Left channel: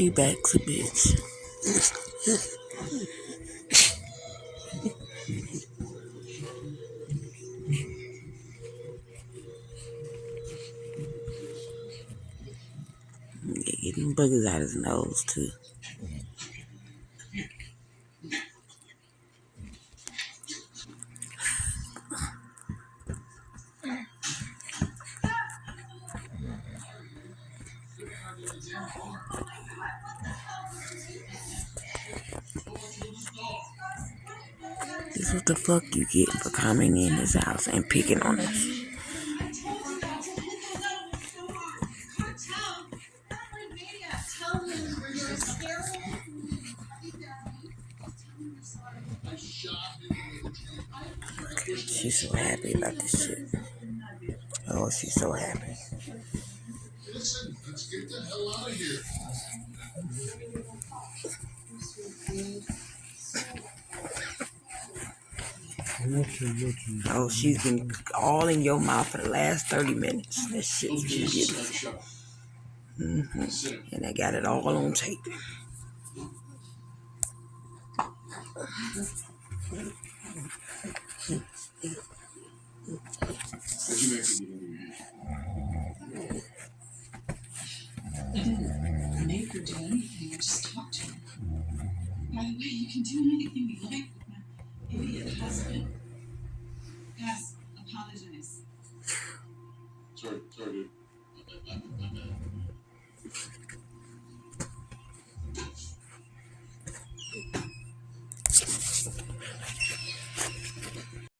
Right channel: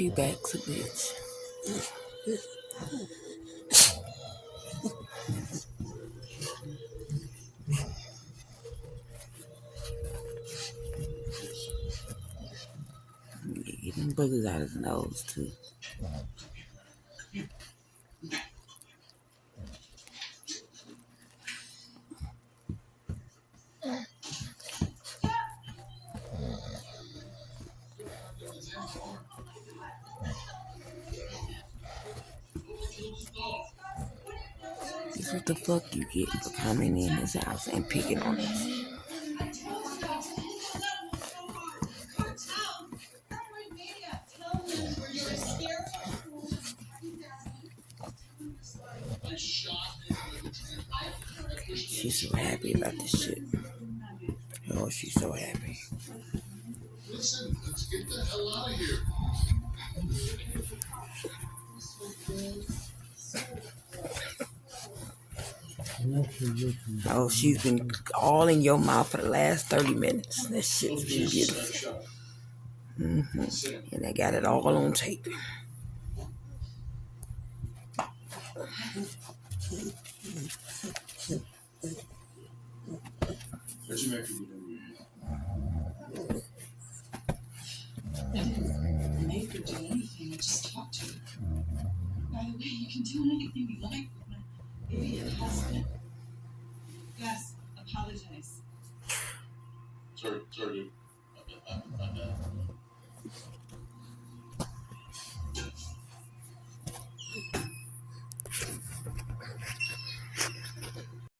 Payback's a bitch. Yeah, getting boogers out his nose too. This is what the fuck you get for coming in his house and picking on us. She's so happy about this shit. Oh, she's so happy. Listen, let's get the hell out of here. Oh, she's been all in your mouth for the last 30 minutes. That shit's beautiful. And I got it all on tape. I didn't make her do anything. I just talked to her. By the way, you can do anything you like with my idiot husband. Gus, apologize. Sorry, dude.